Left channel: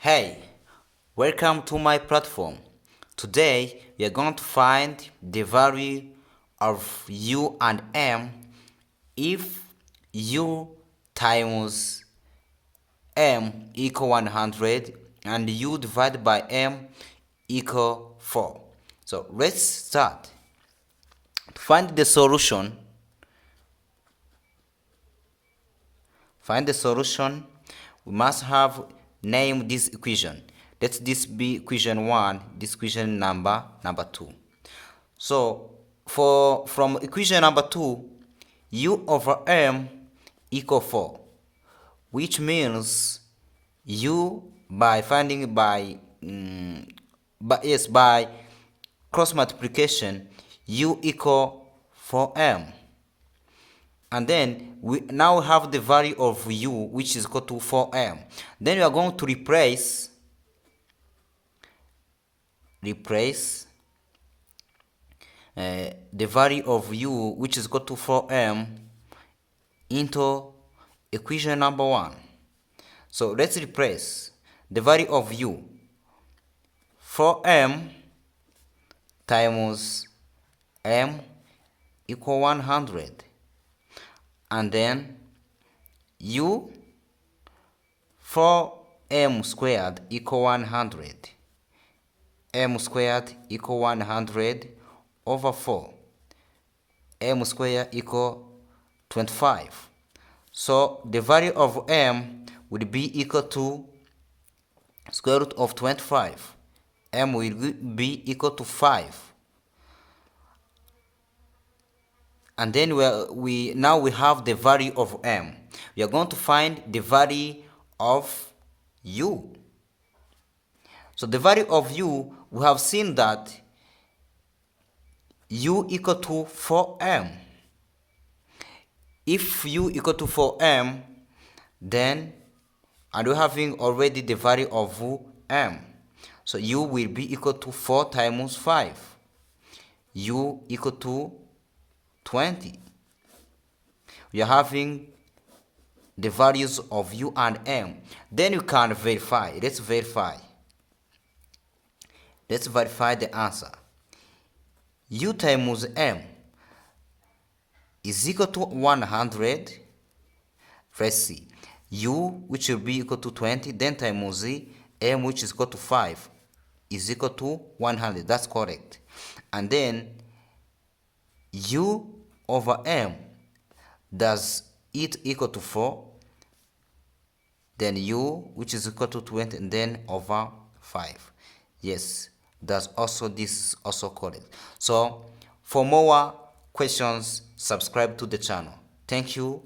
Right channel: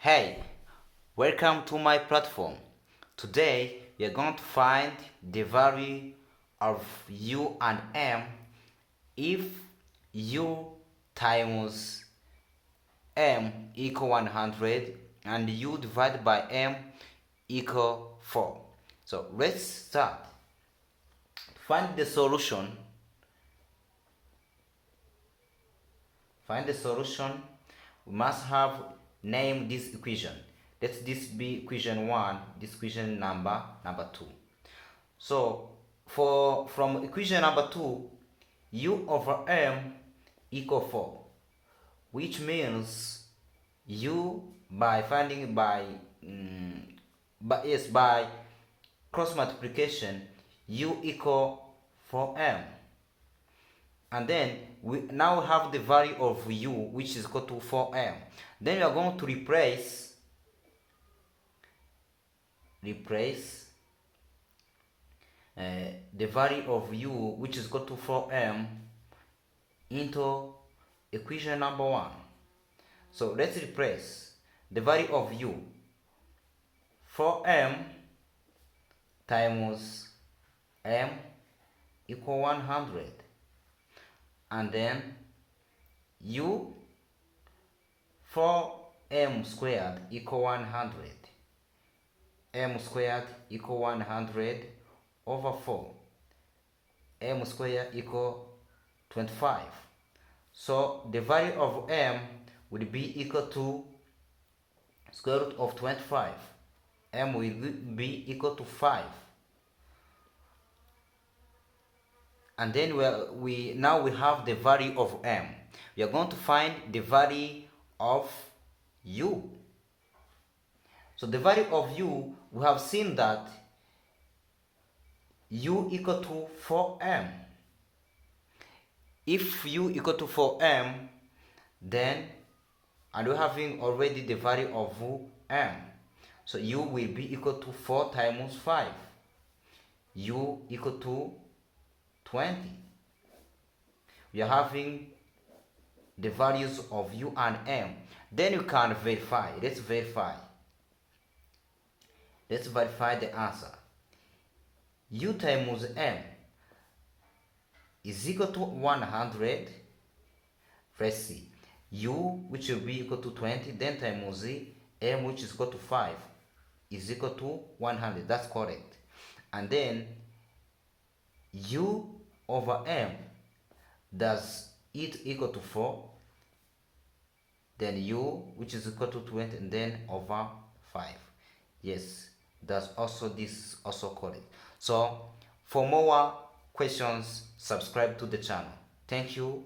Hey, welcome to my platform. Today we are going to find the value of u and m if u times m equal 100 and u divided by m equal 4. So let's start. To find the solution, we must have name this equation. Let this be equation 1, this equation number 2. So from equation number 2, u over m equal 4, which means u by finding by cross multiplication, u equal 4m. And then we now have the value of u, which is equal to 4m. Then we are going to replace the value of u, which is equal to 4m, into equation number 1. So let's replace the value of u, 4m times m equal 100, and then u 4m squared equal 100, m squared equal 100 over 4, m squared equal 25. So the value of m would be equal to square root of 25. M will be equal to 5. And then we have the value of m. We are going to find the value of u. So the value of u, we have seen that u equal to 4m. If u equal to 4m, then, and we're having already the value of m, so u will be equal to 4 times 5. U equal to 20. We are having the values of u and m. Then you can verify. Let's verify the answer. U times m is equal to 100. Let's see. U, which will be equal to 20, then times m, which is equal to 5, is equal to 100. That's correct. And then u over m, does it equal to 4? Then u, which is equal to 20, and then over 5. Yes, this is also correct. So for more questions, subscribe to the channel. Thank you.